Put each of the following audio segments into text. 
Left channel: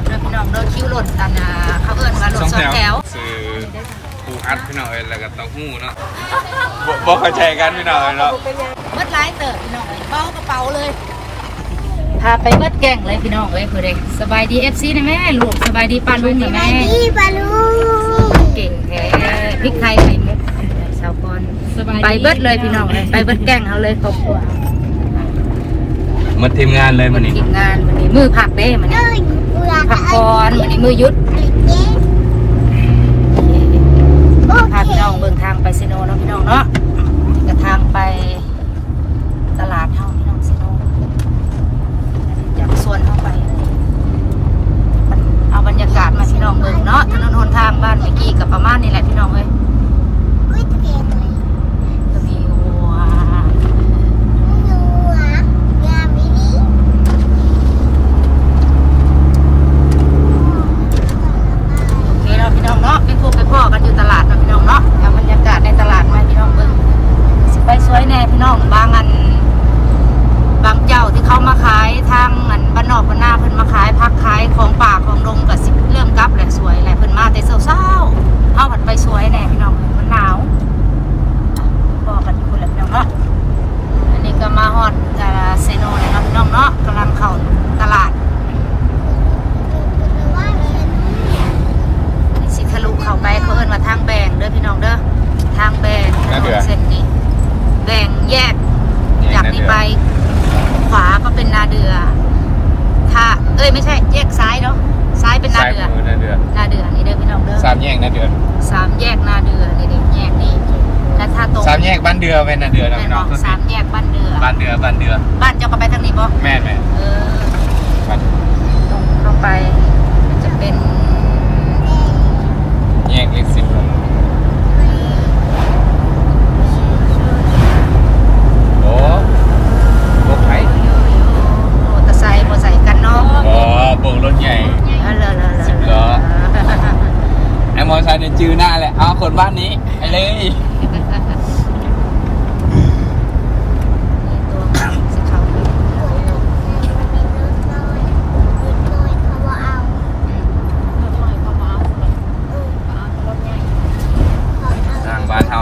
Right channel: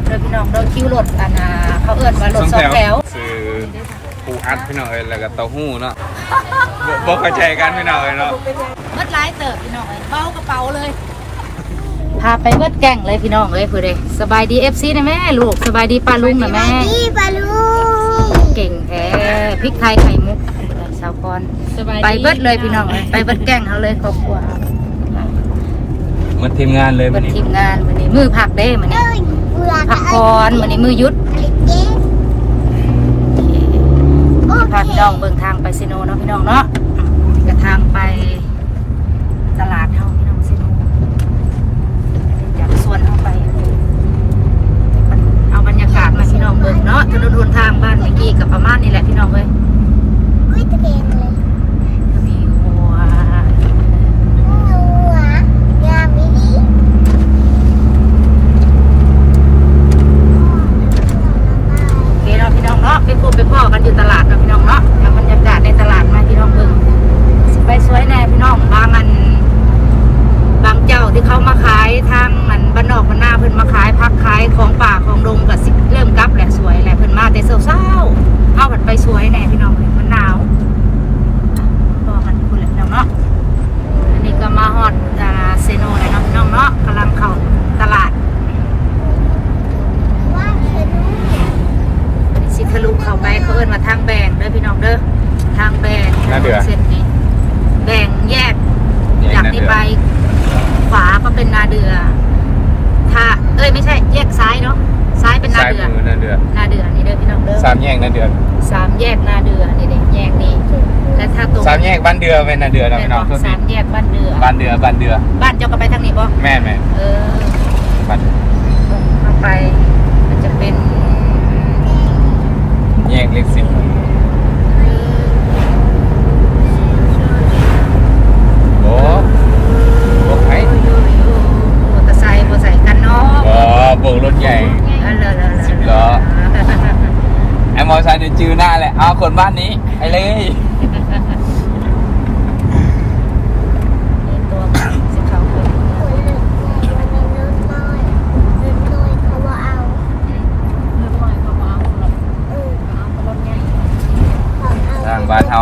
ถเด้อพี่น้องเด้อคิวรถอันน่ะเขาเอิ้นว่ารถสองแถวคือปูอัดพี่น้องเอ้ยแล้วก็เต้าหู้เนาะบ่บ่เข้าใจกันพี่น้องเอ้ยเนาะเบิดหลายเติบพี่น้องเอ้ยเบากระเป๋าเลยพาไปเบิดแก่งเลยพี่น้องเอ้ยเพื่อเด้สบายดี FC นะแม่ลูกสบายดีป้าลุงนะแม่พี่ปลาลูเก่งแท้พริกไทยไข่มุกแบบสาวกรไปเบิดเลยพี่น้องเลยไปเบิดแก่งเขาเลยครอบครัว หมดทีมงานเลยมื้อดนี้ทีมงานวันนี้มือผักเด้มันเอ้ยเบื่อผักพรวันนี้มือยุดพาเคพี่น้องเบิ่งทางไปซิโนเนาะพี่น้องเนาะกระทางไปตลาดเฮาพี่น้องซิโนจากสวนเฮาไป เอาบรรยากาศมาพี่น้องเบิ่งเนาะถนนหนทางบ้านเมื่อกี้กับประมาณนี้แหละพี่น้องเอ้ยตะเกียงเลย ก็มีวัว หัวยามินิ โอเคเนาะพี่น้องเนาะไปพบไปพ่อกันอยู่ตลาดเนาะพี่น้องเนาะเอาบรรยากาศในตลาดมาพี่น้องเบิ่งสไปสวยแน่พี่น้องบางอัน บางเจ้าที่เขามาขายทางมันบ้านนอกบ้านนาเพิ่นมาขายพักขายของป่าของดงก็สิเริ่มกลับแหละสวยแหละเพิ่นมาแต่เช้าๆเอาเพิ่นไปสวยแน่พี่น้องมันหนาวพอกันคุณแหละพี่น้องเนาะอันนี้ก็มาฮอดกาลาเซโนแล้วเนาะพี่น้องเนาะกำลังเข้าตลาด ว่าเขียนนู้น อันนี้สิทะลุเข้าไปเขาเอิ้นว่าทางแบ่งเด้อพี่น้องเด้อทางแบ่งถนนเส้นนี้แบ่งแยก จากนี้ไปขวาก็เป็นนาเดือ ถ้า เอ้ยไม่ใช่แยกซ้ายเนาะ ซ้ายเป็นนา สาย เดือ มือนั่นเดือน นาเดือนี่เด้อพี่น้องเด้อ สามแยกนั่นเดือน สามแยกนาเดือนี่เด้แยกนี้และถ้าตรง สามแยกบ้านเดือเป็นนั่นเดือนนะ แม่น พี่ บ น้อ อง กสามแยกบ้านเดือ บ้านเดือบ้านเดือ บ้านเจ้าก็ไปทางนี้ บ่แม่แม่เออบ้านตรงเข้าไปมันจะเป็นแยกเล็กสิบโอ้โอ้ไผอยู่อยู่มอเตอร์ไซค์มอเตอร์ไซค์กันเนาะอ๋อโบกรถใหญ่เออเลยเลยเลย สิบล้อไอ้มอเตอร์ไซค์เนี่ยจื้อหน้าเลยเอาคนบ้านนี้ไอ้เลย นี่ตัวสิเขาไป โอ้ยหนุ่มเนี่ยมันมีนู้นน้อยนู้นน้อยเขาว่าเอาเออเขาเอา ทางบ้านเฮา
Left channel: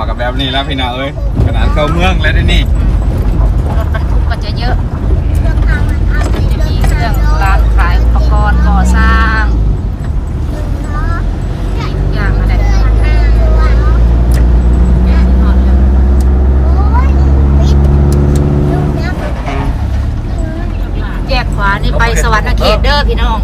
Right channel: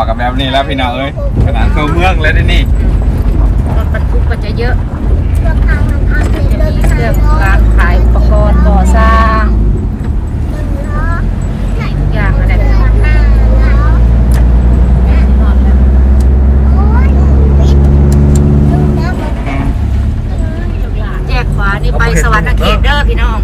กับพี่น้องเอ้ยขนาดเข้าเมืองแล้วเดี๋ยวนี่รถบรรทุกก็จะเยอะเสื้อผ้ามันเอาก็ไปจะมีเครื่องร้านขายอุปกรณ์ก่อสร้างอทุกอย่างอะไรพี่น้อะแยกขวานี่ไปสวรรค์เขตเด้อพี่น้อง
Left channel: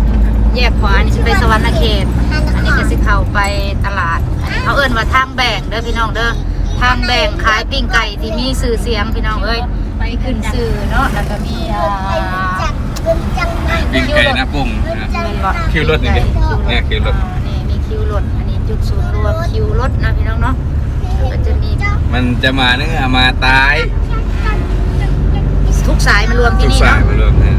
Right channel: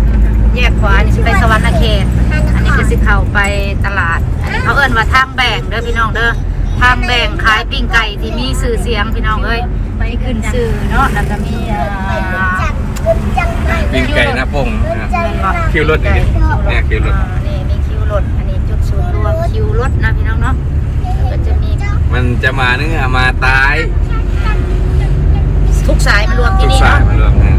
แยกขวานี่ไปสวรรค์เขต อันนี้ก็สิเข้าไปตลาด เขาเอิ้นว่าทางแบ่งเด้อพี่น้องเด้อ ทางแบ่งขายปิ้งไก่ที่มีสื่อเสียงพี่น้องเอ้ยไปขึ้นสื่อเนาะแล้วก็มีอ่าไปขึ้นจังขึ้นจังไหนวิ่งไก่หน้าปุ่งขึ้นนะจังไหนคิวรถนี่ดิเนี่ยคิวรถอ่านี่มีคิวรถอันนี้จุดศูนย์รวมคิวรถนะพี่น้องเนาะแล้วก็จะมีมันจะมาเนื้อมาตายทุกสายมารวมที่นี่เนาะเรื่องนั้น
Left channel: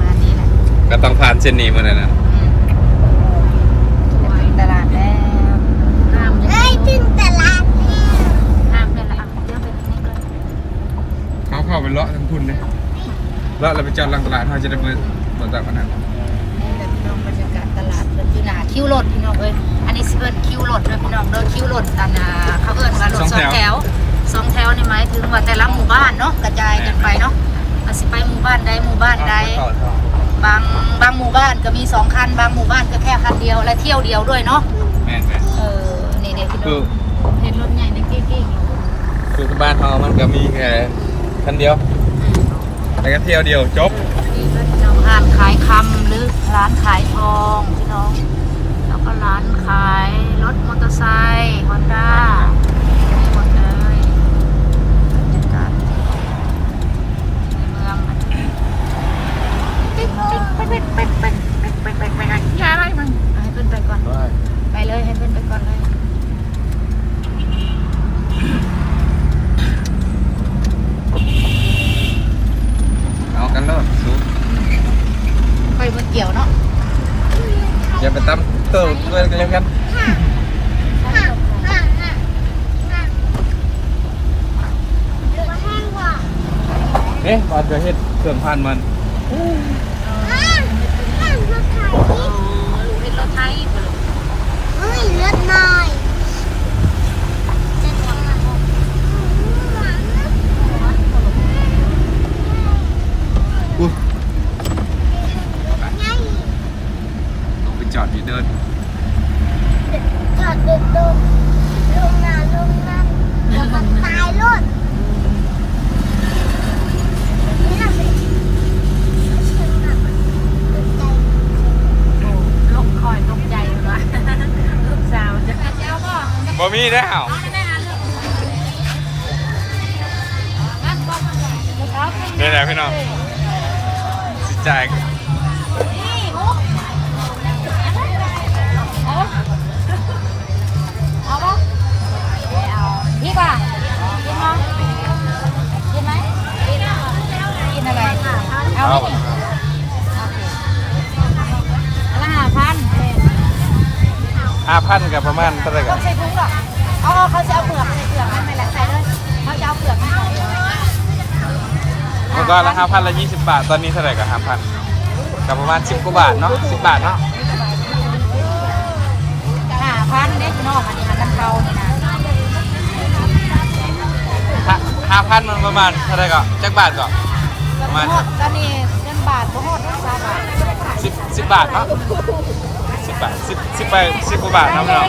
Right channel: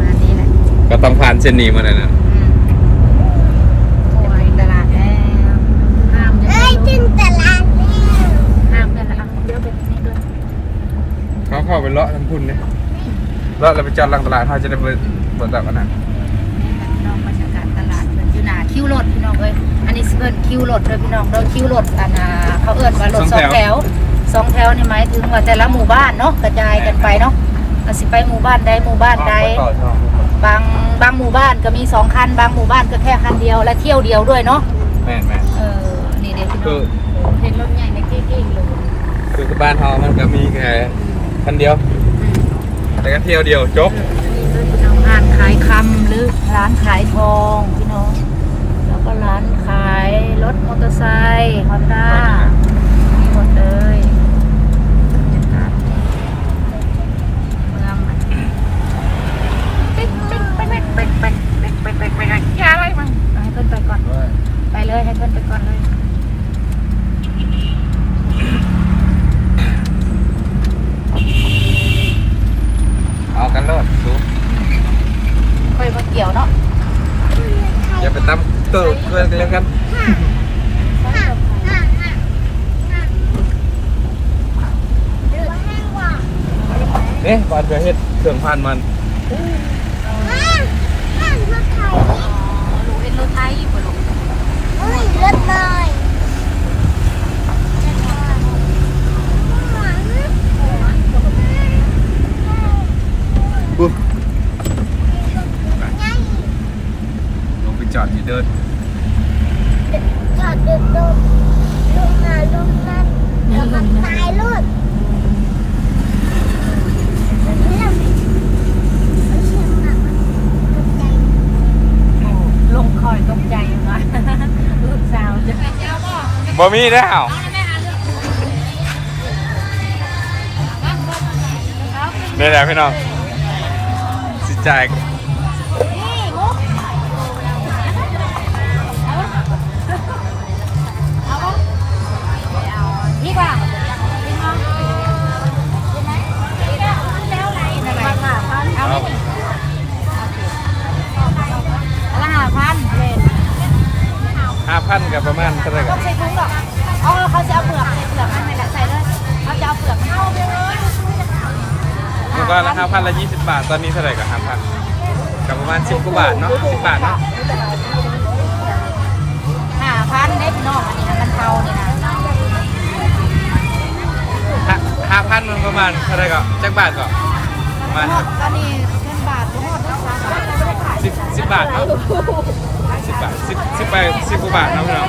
มานี่แหละก็ต้องผ่านเส้นนี้มาแล้วนะ อืมโอ้ยตลาดแล้วห้าม เอ้ยถึงตลาดแล้ว ห้ามเนี่ยละอะเดี๋ยวไปทางนี้ด้วย เขาเข้าไปเลาะทั้งพุ่นเลยเลาะเราไปจอดหลังตลาดเขาจะได้เปิดเปิดตลาดนั้นนี่แหละพี่น้องบรรยากาศตลาดเป็นที่นาคิวรถพี่น้องเอ้ยอันนี้สิเป็นคิวรถเด้อพี่น้องเด้อคิวรถอันน่ะเขาเอิ้นว่ารถสองแถวสองแถวนี่หมายถึงว่าแต่ละหมู่บ้านเนาะกระจายกันไปเนาะอาจสิไปหมู่บ้านใดหมู่บ้านใดบางบางหมู่บ้านก็มีสองคันบางหมู่บ้านก็แค่คันเดียวและเที่ยวเดียวด้วยเนาะแม่นแม่นเออนี่เด็กพี่น้คือองเห็นรถใหญ่ในกี้กี้อยู่คือบ้านเขามันก็มีแค่ คันเดียว แต่ก็เที่ยวเดียวจบนี่เป็นพี่น้องร้านขายคำหรือร้านขายทองพี่น้อง แล้วก็ร้านขายรถมอเตอร์ไซค์ฮอนด้า มีแล้วเอาแล้วแม่อ่านเรื่องมันบ่เขานี่แหละพี่น้องสิจ่าย อกเอาเขาจะเอาเปลือกใส่เปลือกมันไม่แหละใส่เลยเขาจะเอาเปลือกมันใส่มันก็ห้าพันละยี่สิบบาท ตอนนี้เท่าไหร่กับห้าพันกับประมาณสิบกว่าบาทเนาะสิบบาทเนาะห้าพันได้พี่น้องอันนี้ค่ะมันเทานี่นะห้าพันมันประมาณเท่าไหร่ก็จักบาทก็ตอนนี้ตอนนี้เงินบาทบ่ฮอดได้สามบาทสิบสิบบาทเนาะสิบบาทสิบสิบไปสิบกว่าบาทเนาะพี่น้อง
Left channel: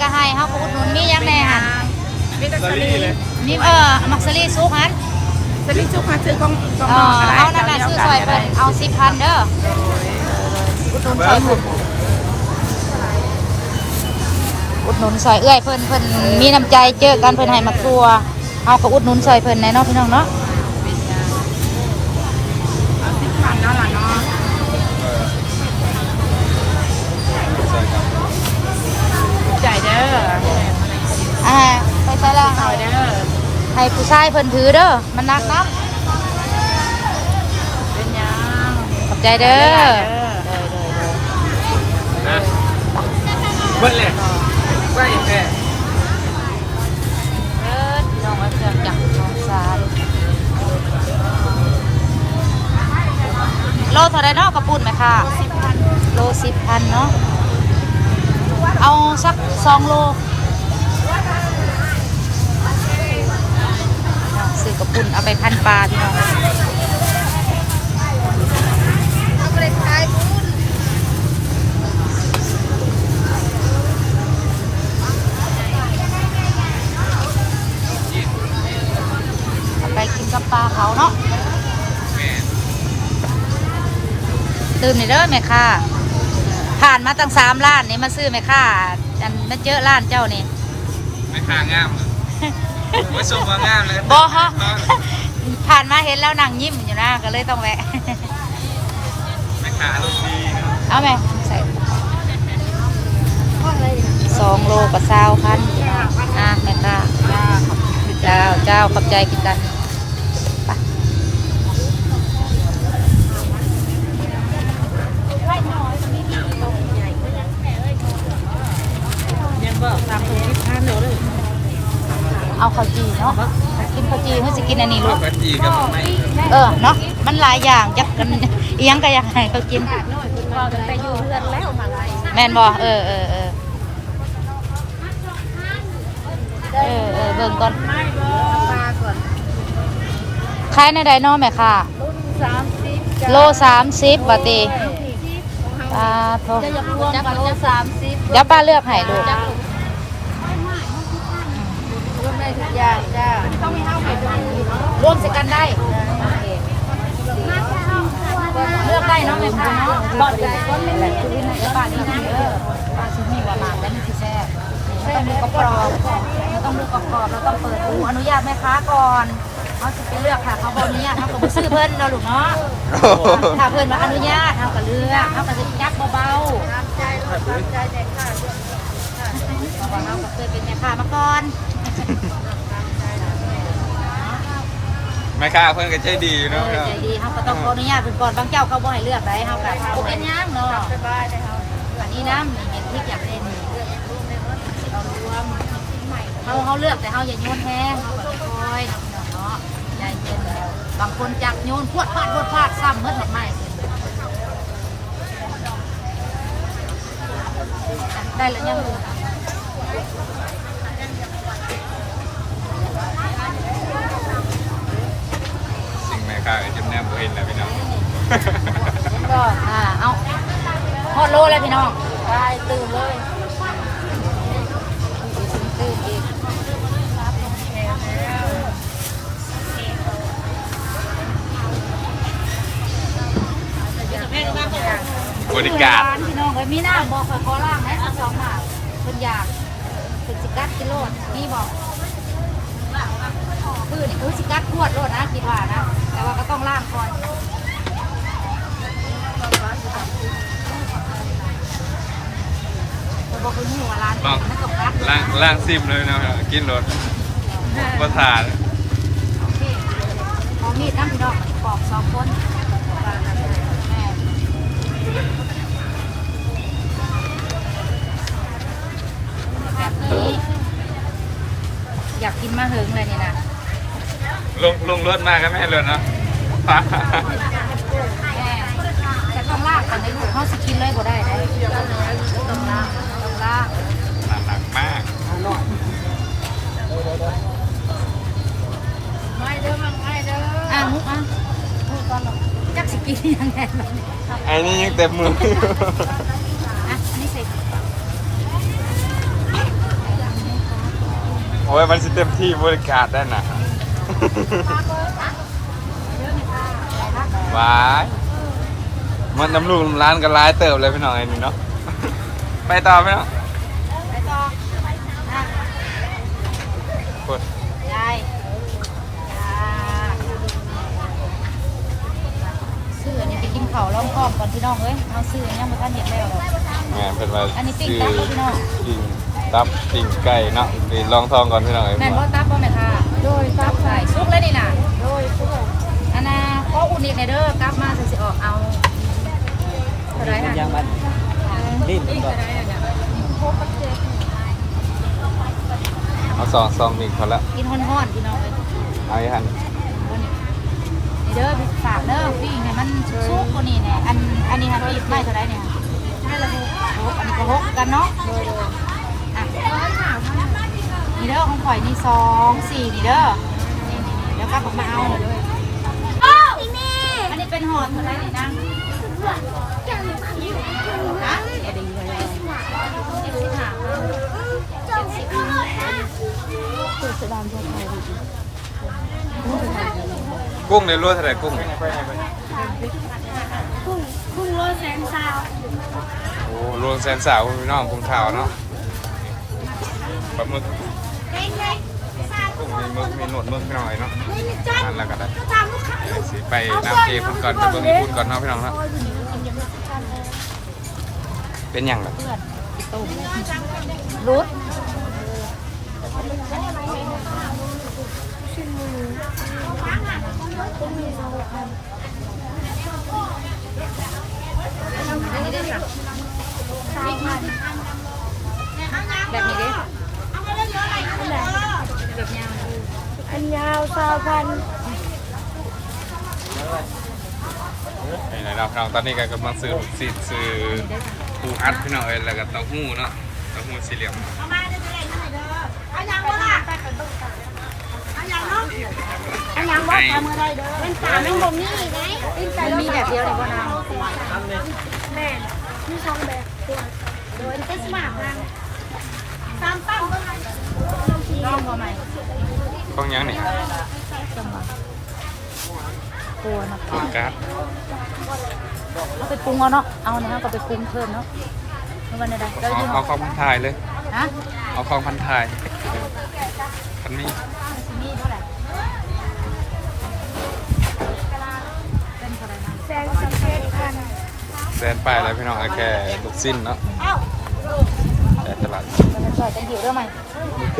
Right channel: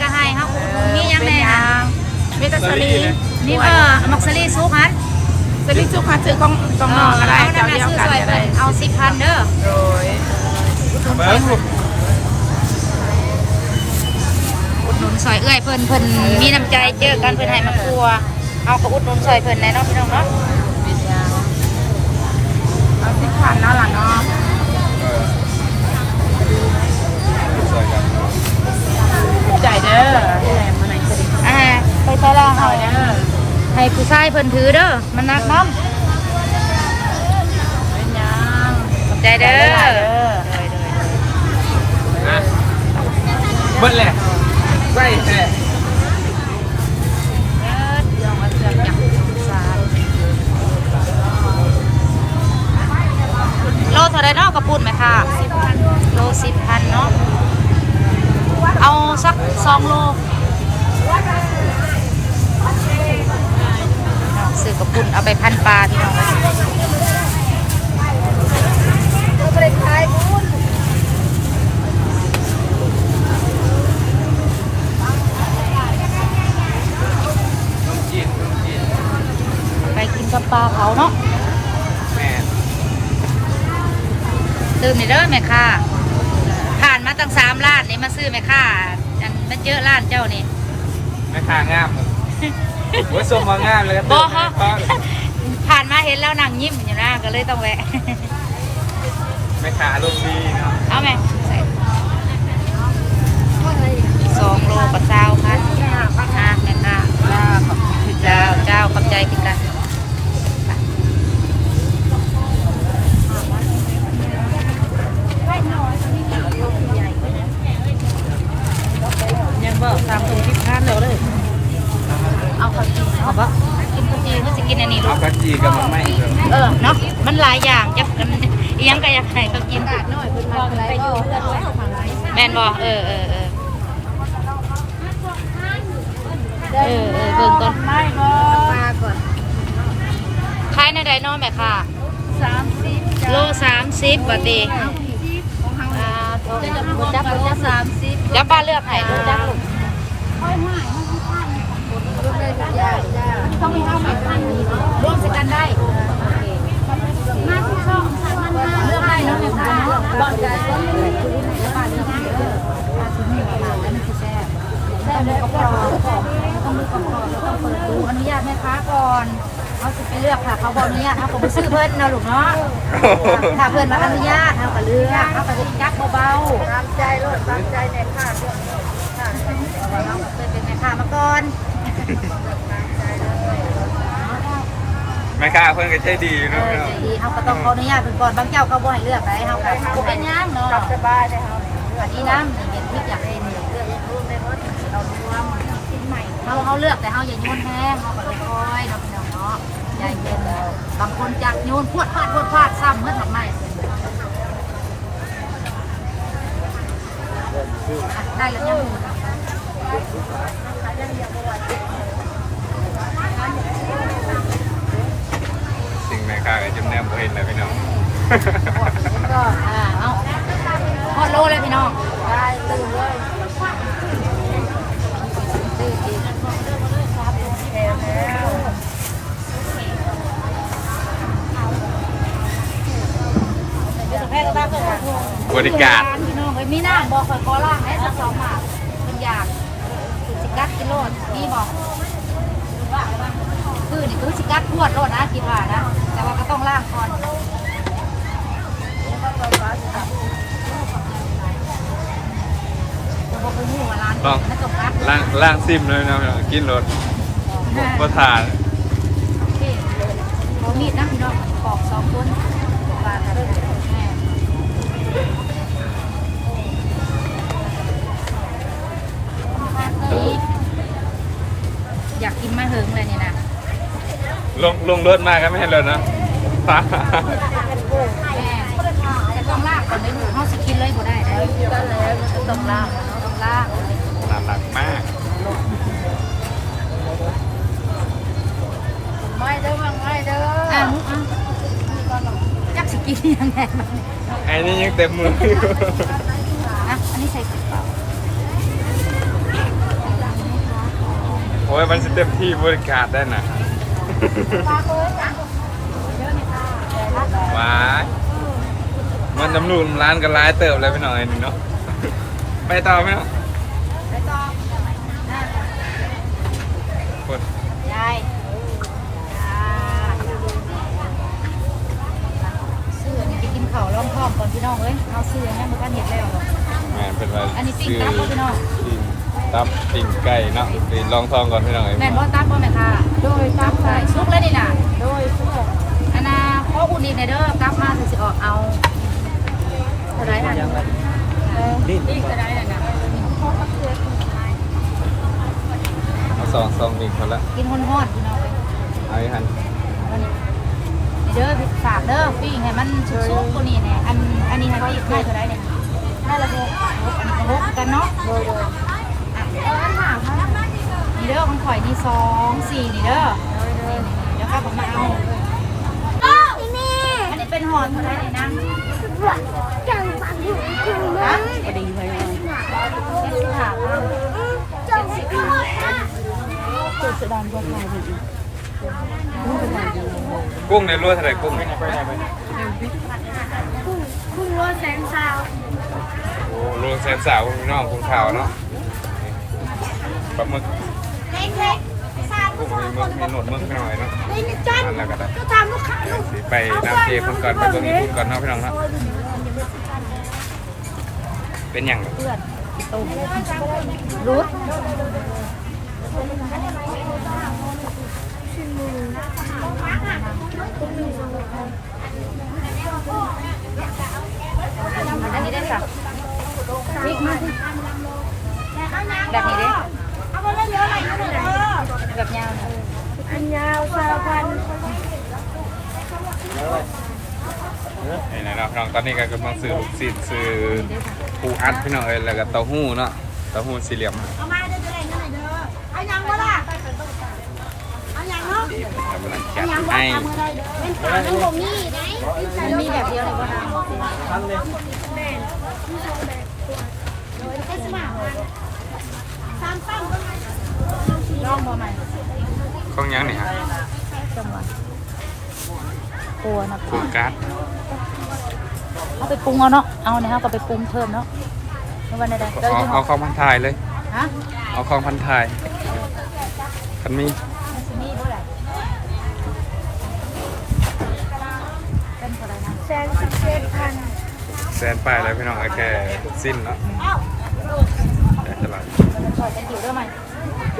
ก็ให้เฮาก็อุดหนุนมีหยังแน่ฮะเมตาสลีนี่เออมักสลีซุกหันสลีสุขาซื้อกองกองนอกก็ได้เอานั่เจ้านน่ะเดียวซื้อกันซอยก็เพิ่ได้นเอา10,000เด้อโดยอุดหนุนซอยเพิ่นอุดหนุนซอยเอื้อยเพิ่นเพิ่นมีน้ำใจเจอกันเพิ่นให้มาครัวเฮาก็อุดหนุนซอยเพิ่นแน่เนาะพี่น้องเนาะเป็นยางเอาสิบพันเนาะล่ะเนาะ ใจเด้ออ่าไปใส่ละเอาให้เด้อให้ผู้ชายเพิ่นถือเด้อมันหนักน้เป็นยางำขอบใจเด้อเด้อเด้อเบิ้ลเลยใช่แค่เออยองว่าเสือกจักสงสารโลเท่าไรเนาะกระปุ่นไหมค่ะ โลสิบพันเนาะ เอาสักสองโลซื้อกระปุ่นเอาไปพันปลาพี่น้องเลยเอาไปขายคุณเอาไปกินกับปลาเผาเนาะแม่ตื่นนี่เด้อแม่ค่ะ ผ่านมาตั้งสามล้านนี่มาซื้อแม่ค่ะอันมาเจอร้านเจ้านี่แม่ค้างามเลยว่าชมว่างามเลยบอฮะผ่านมาเห็นแล้วนางยิ้มอยู่นะก็เลยต้องแวะแม่ค้าอารมณ์ดีเนาะเอาไหมใส่สองโลกับเศร้าพันอะแม่ค่ะจ้าขอบใจเจ้าเจ้าขอบใจกินกันไป ยัง บอกตามตรงที่พันเดี๋ยวเลยเอาข้าวจีเอาปะกินข้าวจีเขาจะกินอันนี้ลูก กันจีกับมันไม่เออเนาะมันหลายอย่างจักกันอิหยังก็อยากให้เขากิน หน่อยเพิ่นมาไปอยู่แมนบ่เออเออเออเออเออเบิ่งก่อนไม่บ่ขายในใดเน้อแม่ค่ะ สามสิบโลสามสิบบาทตีปลาทองจะรวมกันจะสามสิบเดี๋ยวป้าเลือกให้ดู ทุกอย่างจ้าต้องมีห้าสิบพันรวมสิกันได้โอเคเลือกได้เนาะแม่ค่ะเนาะบอดใจเดี๋ยวป้าเลือกเด้อป้าชิ้นหมูหวานแล้วมันคือแซ่บแซ่บดูกรอบๆเราต้องดูกรอบๆเราต้องเปิดดูอนุญาตแม่ค้าก่อนเขาจะไปเลือกค่ะ เขาบอกอนุญาตเขาก็บ่ซื้อเพิ่นเนาะลูกเนาะถ้าเพิ่นมาอนุญาตเขาก็เลือกเขาก็จะยับเบาๆตามใจรถตามใจในค่าเรื่องนี้ค่าในเพราะว่าเราก็เคยเป็นแม่ค้ามาก่อน ตามใจเลยแม่ค้าเพื่อนก็ใจดีเอเนาะอใจดีเขาก็ต้องขออนุญาตเป็นก่อนบางเจ้าเขาบ่ให้เลือกได้เขาก็บ่เป็นหยังเนาะกลับสบายได้เฮานี่อันนี้น้ำนี่เห็นที่อยากได้นี่เลือกยังรู้ในรถเรารวมเขาเขาเลือกแต่เขาอย่าโยนแห้งเขาก็เลยคอยเนาะพี่น้องเนาะใจเย็นบางคนจักโยนพวดพลาดพวดพลาดซ้ำเมื่อทำไมอะได้แล้วยังอยู่ สิ่งแม่ค้าก็จนแนมบ่เห็นแล้วพี่น้องก็อ่าเอาพอดโลเลยพี่น้องได้ตื่นเลยตื้ออีกแถวแล้วบริการพี่น้องเอ้ยมีน้ำบอกคอขอล่างให้สักสองหมากเพิ่นอยากคุณสิกัดกิโลดนี่บอกคือนี่คือสิกัดพวดโลดนะคิดว่านะ แต่ว่าก็ต้องล่างก่อนผมบอกคือหมูว่าร้านลองนั่นตกกัดล่างล่างซิมเลยเนาะกินรถบ่บ่ทานโอเคพอมีดนะพี่น้องมันปอกสองคนว่าแม่แบบนี้ อยากกินมาเหิงเลยนี่นะ ลงลงรถมาก็ไม่ให้รถเนาะฟ้าแม่แต่ต้องลากก่อนได้ลูกเขาสิกินเลยบ่ได้ได้ต้องลากต้องลากน่ารักมากไม่เด้อไม่เด้ออะมุกอะจักสิกินยังไงมันนี่ไอ้นี่ยังเต็มมืออะอันนี้ใส่เปล่าโอ้ยมันสิเต็มที่บริการได้น่ะเด้อไหมคะค่ะว้ายมันน้ำรูนร้านกันร้ายเติบเลยพี่น้องไอ้นี่เนาะ ไปต่อไหมเนาะไปต่ออะกดยายจ้าซื้ออันนี้ไปกินข้าวล้อมพร้อมก่อนพี่น้องเลยเอาซื้ออันนี้มาท่านเห็ดแล้วหรอกแม่เป็นมาอันนี้ปิ้งตับบ่พี่น้องปิ้ง ตับปิ้งไก่เนาะไปลองทองก่อนพี่น้องเอ้ยแม่นบ่ตับบ่แม่ค่ะด้วยตับได้สุกแล้วนี่น่ะด้วยสุกอันน่ะขออุ่นอีกหน่อยเด้อกลับมาถึงสิออกเอาเท่าไหร่น่ะดิ้นเท่าไหร่น่ะมาสองซองอีกคนละกินฮ้อนๆพี่น้องเอ้ยเอาอีกทันเอานี่นี่เด้อพี่ฝากเด้อปิ้งให้มันสุกๆกว่านี้แน่อันอันนี้ฮะพี่ให้เท่าไหร่เนี่ยให้ละหกหกอันนี้ก็หกกันเนาะโดยโดยอะเออหามานี่ เด้อของข่อยนี่สองสี่นี่เด้อนี่ๆๆแล้วก็ผมมาเอาพี่แม่อันนี้เป็นห่อเท่าไหร่นี่นะจังมันอยู่คุณฮะเจ็ดสิบห้าเจ็ดสิบห้ากุ้งในรวดเท่าไหร่กุ้งเนี่ยคุณคุณรถแสนสาวโอ้รวมแสนสาวพี่น้องกุ้งขาวเนาะปลาหมึก กุ้งมีมึกมีหนวดมึกหน่อยเนาะนั่นแหละก็ได้สิไปน้ำเทพิ่นก่อนไปเบิ่งญี่ปุ่นก่อนเนาะพี่น้องเนาะเป็นอย่างเพื่อนตุ่มรูดอันนี้ได้ค่ะแบบนี้เด้ แบบยาวเนี่ยอันยาวสาวพันนี่นะน้องๆตอนนี้ก็กำลังซื้อลูกศิษย์ซื้อนี่ได้ค่ะปูอัดพี่น้องเอ้ยแล้วก็เต้าหู้เนาะเต้าหู้สี่เหลี่ยมเอามาเดี๋ยวจะเล่นนั่นเลยเด้อเอายังวะล่ะเอายังเนาะที่เพิ่นกำลังจัดให้เป็นการของผมนี่ไหนมันมีแบบเดียวในบ่นางแม่มีสองแบบตัวตัวเต็มมากมาสามปั้งเท่าไหร่ลองบ่ใหม่ ข้องยังนี่ฮะจังหวะตัวนะปรุงการ์ดเอาไปปรุงเอาเนาะ เอานะฮะก็ไปปรุงเพิ่มเนาะไม่วันใดได้เอยเอาเนาของพันทายเลยเอาของพันทายกันมีมันสิมีเไรนไปแล้วพี่น้องเอแค่ลูกสิ้นเนาะแค่ตลาดแล้วไโอเค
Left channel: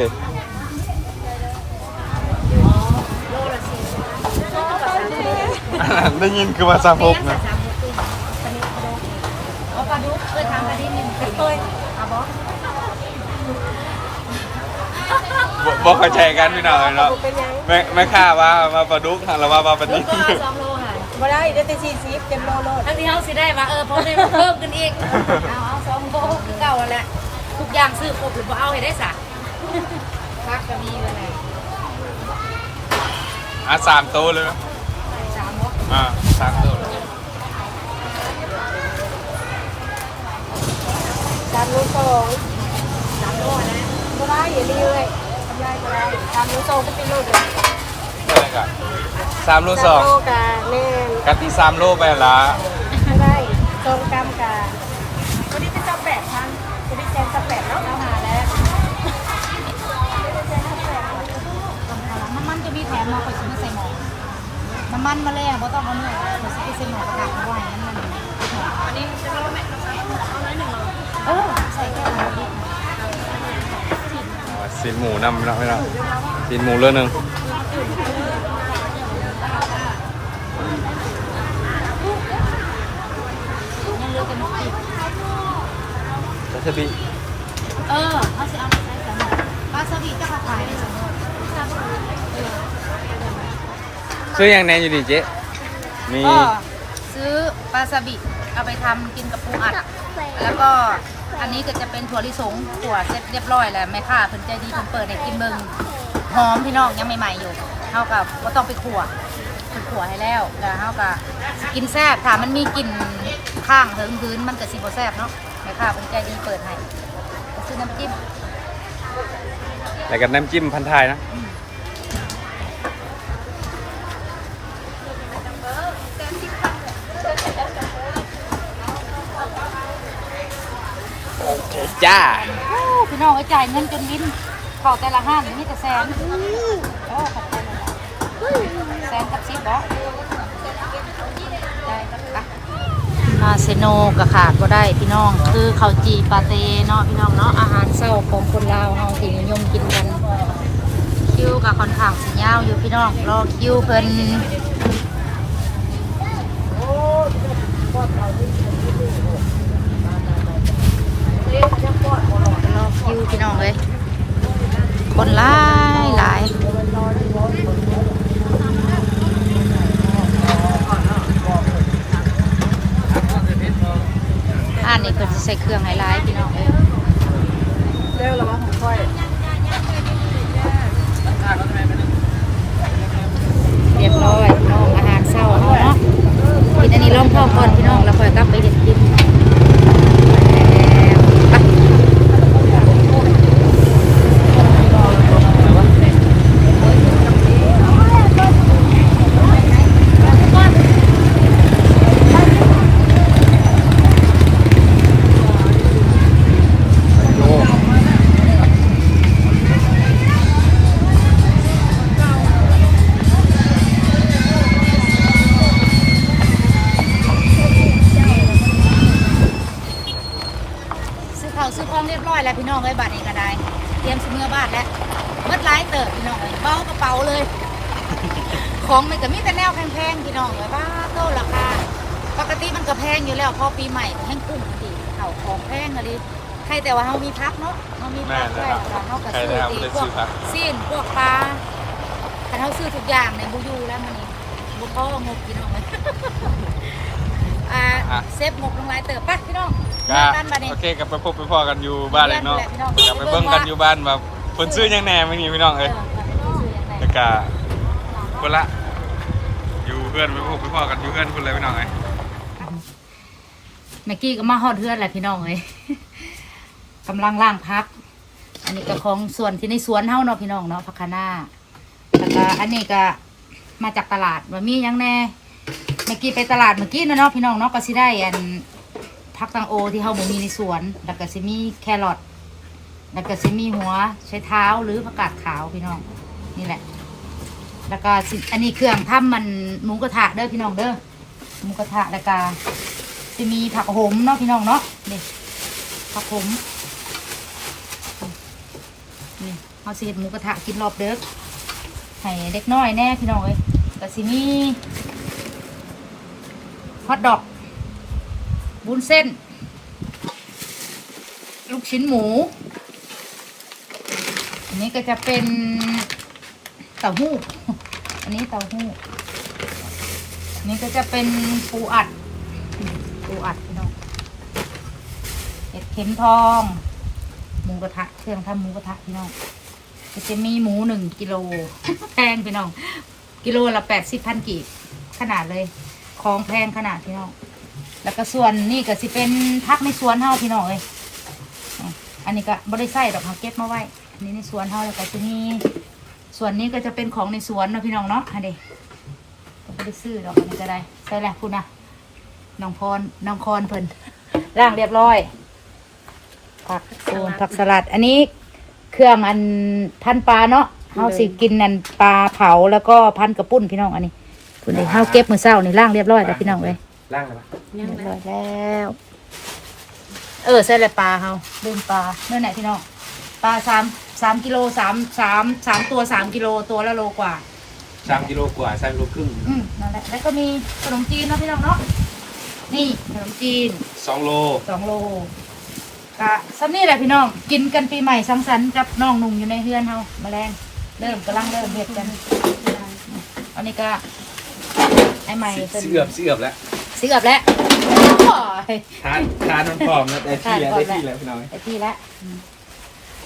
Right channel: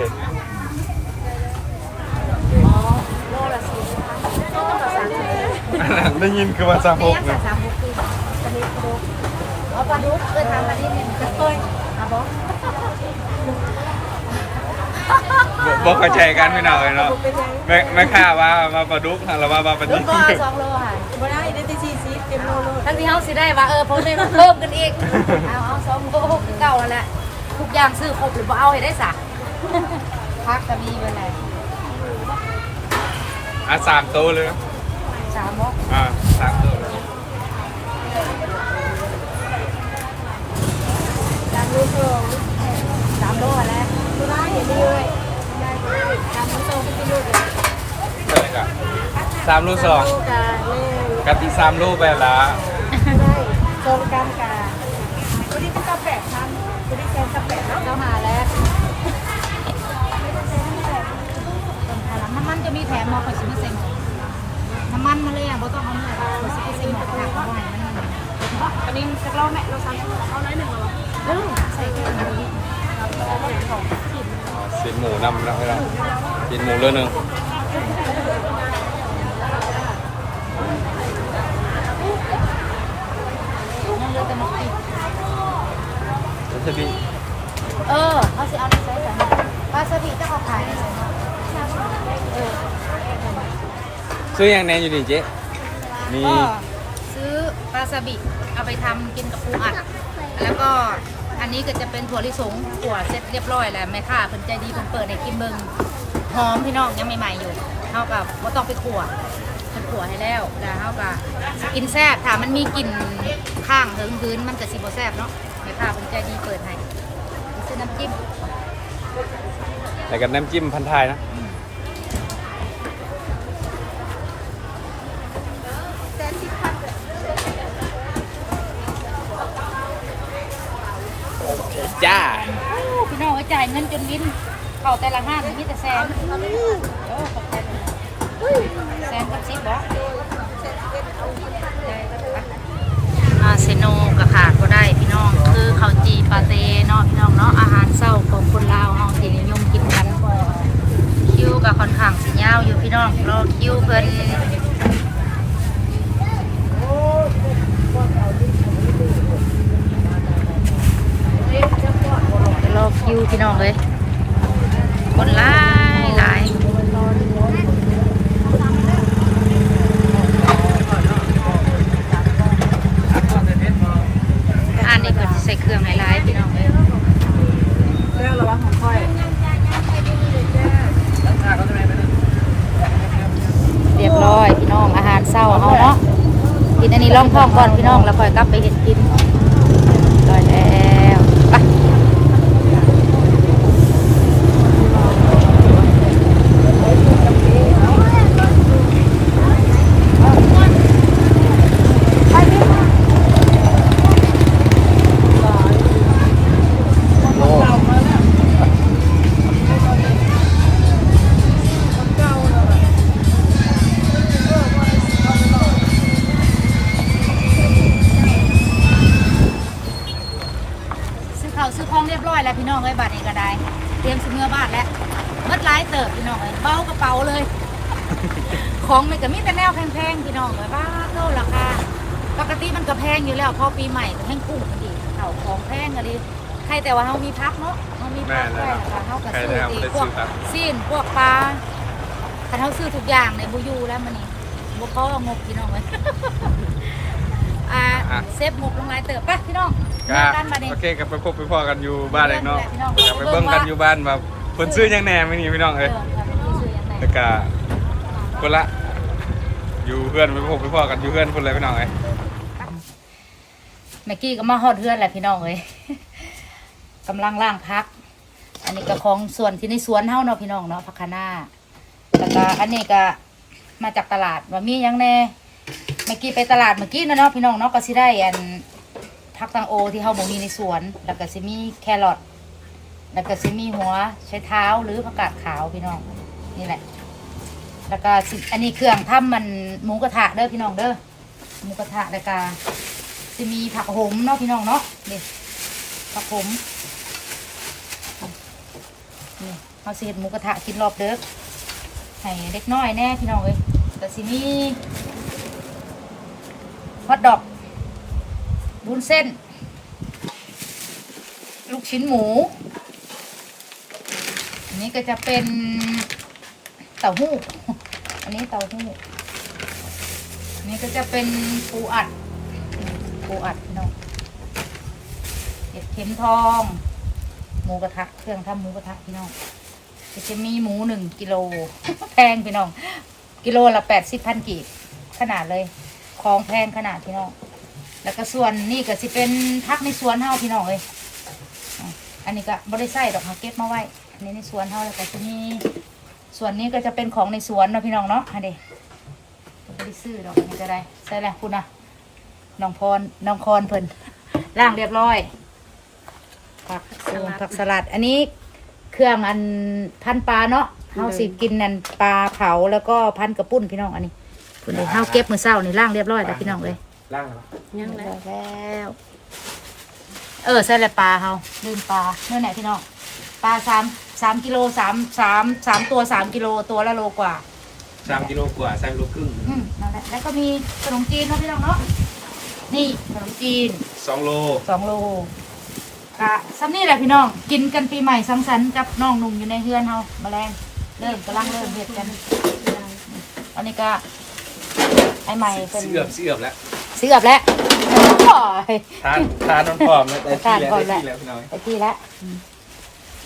โลละสี่สิบห้าต้อกับสามสิบได้ยินคือว่าสามมีหกยังนะสามหกปีปลาดุกปลาดุกอ๋อปลาดุกเคยทำปลาดิบนี่จะเคยอะบอบ่บ่เข้าใจกันพี่หน้อยเนาะไม่ไม่ค่าว่าว่าปลาดุกหรือว่าว่าปลาดุดุกกก็เอาสองโลค่ะบ่ได้ได้แต่สี่สิบเต็มโลโลทั้งที่เขาสิได้ว่าเออเพราะได้มาเพิ่มกันอีกเอาเอาสองโลคือเก่าแล้วแหละทุกอย่างซื้อครบหรือเปล่าเอาให้ได้สักพักก็มีเวลา อะสามตัวเลยสามเนาะอ่าสามตัวสามโลสองสามโลอะนะบ่ได้อย่าดีเลยทำไรบ่ได้สามโลสองก็ไปอยู่กับใช่ครับสามโลสสาอมงโลกะแม่กับที่สามโลไปละไม่ได้สองกรัมกะตัวนี้เป็นกระแปดพันตัวนี้แซนกระแปดเนาะเข้ามาแล้วต้ น้ำมันจะมีแถมมาคอยชิมใส่หมอน้ำมันมาเลยอะบ่ต้องเอาเนื้อคอยชิมใส่หมอกระทะเอาไว้มันมันอันนี้เราแม็กเราซับเอาน้อยหนึ่งโลเออใส่แค่ไหนดีสีหมูนำแล้วเพี่องกินหมูเรื่องหนึ่งวาซาบิเออเขาจะเอาไปใช้แต่วาซาบิก็ขายได้เลยเนาะเออซื้อยังแน่อยู่ดิเจ๊มีก็ซื้อวาซาบิเอาไปทำกินกับปูอัด แล้วก็อันนี้ก็จะเป็นถั่วลิสงถั่วเสร็จเรียบร้อยแล้วแม่ค้าเพิ่นใจดีเพิ่นเปิดให้กินเบิ่งหอมพี่น้องยังใหม่ๆอยู่เฮากับว่าต้องไปขั่วเพิ่นขั่วให้แล้วแล้วเฮาก็กินแซ่บถ้ามันมีกลิ่นข้างเหิงพื้นมันก็สิบ่แซ่บเนาะแม่ค้าเพิ่นใจดีเปิดให้ก็ซื้อน้ำจิ้มแต่กับน้ำจิ้มพันทายเนาะ จ้าโอ้พี่น้องก็จ่ายเงินจนวินเข้าแต่ละห้างมีแต่แสนโอ้ขอบใจเลยล่ะแสนกับสิบบ่ได้แล้วค่ะลาเซโนก็ขาดก็ได้พี่น้องคือข้าวจีปาเต้เนาะพี่น้องเนาะอาหารเช้าของคนลาวเฮาที่นิยมกินกันคิวกับค่อนข้างสิยาวอยู่พี่น้องรอคิวเพิ่นจะรอคิว พี่น้องเลยคนหลายหลายอันนี้เพิ่นใส่เครื่องไฮไลท์พี่น้องเอ้ยเรื่องระวังของค่อยเรียบร้อยพี่น้องอาหารเช้าเฮาเนาะกินอันนี้ล้อมข้าวก่อนพี่น้องแล้วค่อยกลับไปเฮ็ดกินานแล้วเบิดหลายเติบพี่น้องเอ้ยเบากระเป๋าเลย ของมันก็มีแต่แนวแพงๆพี่น้องเอ้ยบ้าเท่าราคาปกติมันก็แพงอยู่แล้วพอปีใหม่ก็แห้งกุ้งมันดีข้าวของแพงก็ดีใครแต่ว่าเฮามีพักเนาะเฮามีพักไว้ล่ะค่ะเฮาก็ซื้อตีพวกซีนพวกปลาคันเฮาซื้อทุกอย่างในบูยูแล้วมันนี่บ่พองบพี่น้องเอ้ยอ่าเซฟงบลงหลายเติบไปพี่น้องก็มากันบัดนี้โอเคกับไปพบไปพ่อกันอยู่บ้านเลยเนาะพี่น้องกับไปเบิ่งกันอยู่บ้านแบบ คนซื้อยังแหน่ไม่นี่พี่น้องเอเอ้ยอค่ะเป็นที่ชื่อยังไงแล้วก็คนละอยู่เพื่อนไปพบไปพ่อกันอยู่เพื่อนคนเลยพี่น้องเอ้ยเมื่อกี้ก็มาฮอดเฮือนแหละพี่น้องเอ้ยกำลังล่างพัก อันนี้ก็ของส่วนที่ในสวนเฮาเนาะพี่น้องเนาะพักคณาแล้วก็อันนี้ก็มาจากตลาดว่ามีหยังแน่เมื่อกี้ไปตลาดเมื่อกี้นะเนาะพี่น้องเนาะก็สิได้อันผักตังโอที่เฮาบ่มีในสวน แล้วก็สิมีแครอท แล้วก็สิมีหัวใช้เท้าหรือผักกาดขาวพี่น้อง นี่แหละ แล้วก็อันนี้เครื่องทำมันหมูกระทะเด้อพี่น้องเด้อหมูกระทะแล้วก็จะมีผักโหมเนาะพี่น้องเนาะนี่ผักโหมนี่เอาสิเห็ดหมูกระทะกินรอบเด็กให้เด็กน้อยแน่พี่น้องเอ้ยแต่สิมีฮอทดอกบุนเส้น ลูกชิ้นหมู อันนี้ก็จะเป็นเต้าหู้ อันนี้เต้าหู้ อันนี้ก็จะเป็นปูอัด ปูอัดพี่น้องเห็ดเข็มทอง หมูกระทะ เครื่องทำหมูกระทะพี่น้อง ก็จะมีหมูหนึ่งกิโลแพงพี่น้อง กิโลละแปดสิบพันกีบขนาดเลย ของแพงขนาดพี่น้อง แล้วก็ส่วนนี่ก็สิเป็นพักในสวนเฮาพี่น้องเอ้ยอันนี้ก็บริไส้ดอกฮาเก็บมาไว้ อันนี้ในสวนเฮาแล้วก็จะมีส่วนนี้ก็จะเป็นของในสวนเนาะพี่น้องเนาะอันนี้ก็ไม่ได้ซื้อดอกอันนี้ก็ได้ใส่แหละคุณนะน้องพรน้องคอนเพิ่นล่างเรียบร้อย ผักโอ้ผักสลัด อันนี้เครื่องอันพันปลาเนาะเฮาสิกินอันปลาเผาแล้วก็พันกระปุ้นพี่น้องอันนี้คุณเฮาเก็บมือเศร้านี่ล่างเรียบร้อยแล้วพี่น้องเลยล่างเลยยังไงแล้ว เออใส่ละปลาเฮาลืมปลาเมื่อไหร่พี่น้องปลาสาม สามกิโลสามสามสามตัวสามกิโลตัวละโลกว่าสามกิโลกว่าสามกิโลครึ่งอืมนั่นแหละแล้วก็มีขนมจีนเนาะพี่น้องเนาะนี่ขนมจีนสองโลสองโลกะซ้ำนี่แหละพี่น้อง กินกันปีใหม่สังสรรค์กับน้องหนุ่มอยู่ในเฮือนเฮาแมลงเริ่มกำลังเริ่มเห็ดกัน อันนี้ก็ไอ้ใหม่เป็นเสือบเสือบแล้วเสือบแล้วโอ้ยทานทานน้ำหอมแล้วได้ที่แล้วได้ที่แล้วพี่น้อยไปที่ละอื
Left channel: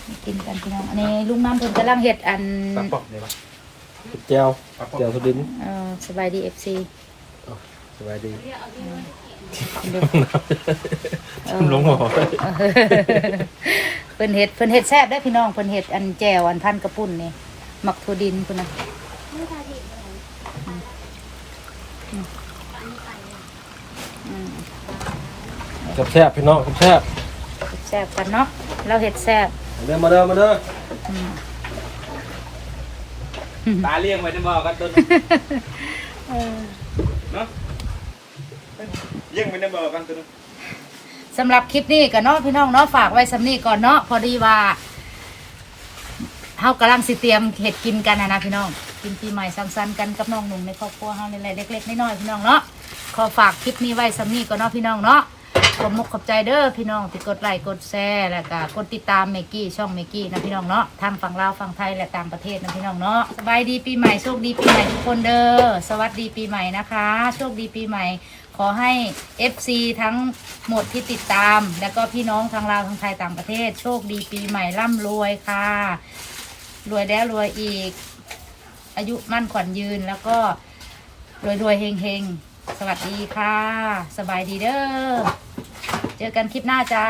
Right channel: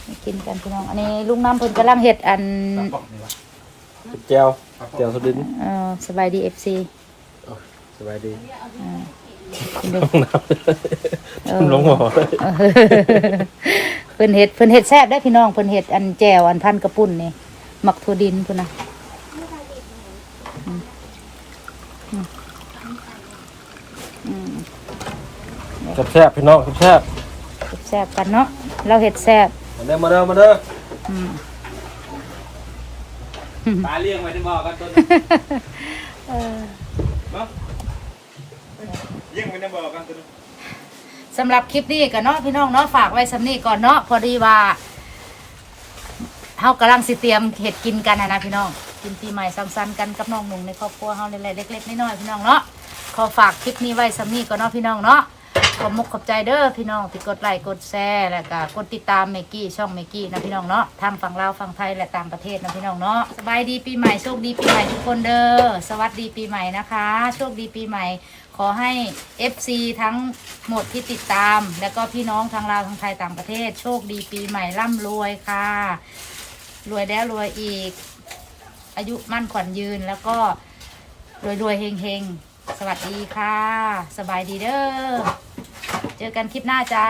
มนี่กินกันพี่น้องอันนี้ลุงน้ำเพิ่นกำลังเห็ดอันปลาปอกนี่วะแก้วแก้วสบินเอ่อสบายดีเอฟซีสบายดีเออลงหัวเพิ่นเห็ดเพิ่นเห็ดแซ่บได้อพี่น้องเพิ่นเห็ดอันแจวอันพันกระปุ่นนี่หมักถั่วดินพุ่นนะกับแซ่บพี่น้องกับแซ่บเฮ็ดแซ่บกันเนาะเราเห็ดแซ่บ มาเด้อมาเด้อมาเด้ออืมตาเลี้ยงไว้ได้บอกกันต้นเออเนาะเลี้ยงไว้ได้บอกกันต้นสำหรับคลิปนี้กันเนาะพี่น้องเนาะฝากไว้สำนี้ก่อนเนาะพอดีว่าเฮากำลังสิเตรียมเห็ดกินกันนะนะพี่น้อง กินปีใหม่ซ้ำๆกันกับน้องหนุ่งในครอบครัวเฮาเล็กๆน้อยๆพี่น้องเนาะขอฝากคลิปนี้ไว้สำนี้ก่อนเนาะพี่น้องเนาะ ขอบมุกขอบใจเด้อพี่น้องที่กดไลค์กดแชร์แล้วก็กดติดตามเมกี้ช่องเมกี้นะพี่น้องเนาะทางฝั่งลาวฝั่งไทยและต่างประเทศนะพี่น้องเนาะสบายดีปีใหม่โชคดีปีใหม่ทุกคนเด้อสวัสดีปีใหม่นะคะ โชคดีปีใหม่ ขอให้ FC ทั้งหมดที่ติดตาม แล้วก็พี่น้องทางลาวทางไทยต่างประเทศ โชคดีปีใหม่ร่ำรวยค่ะ รวยแล้วรวยอีก อายุมั่นขวัญยืนแล้วก็รวยรวยเฮงเฮง สวัสดีค่ะ สบายดีเด้อ เจอกันคลิปหน้าจ้า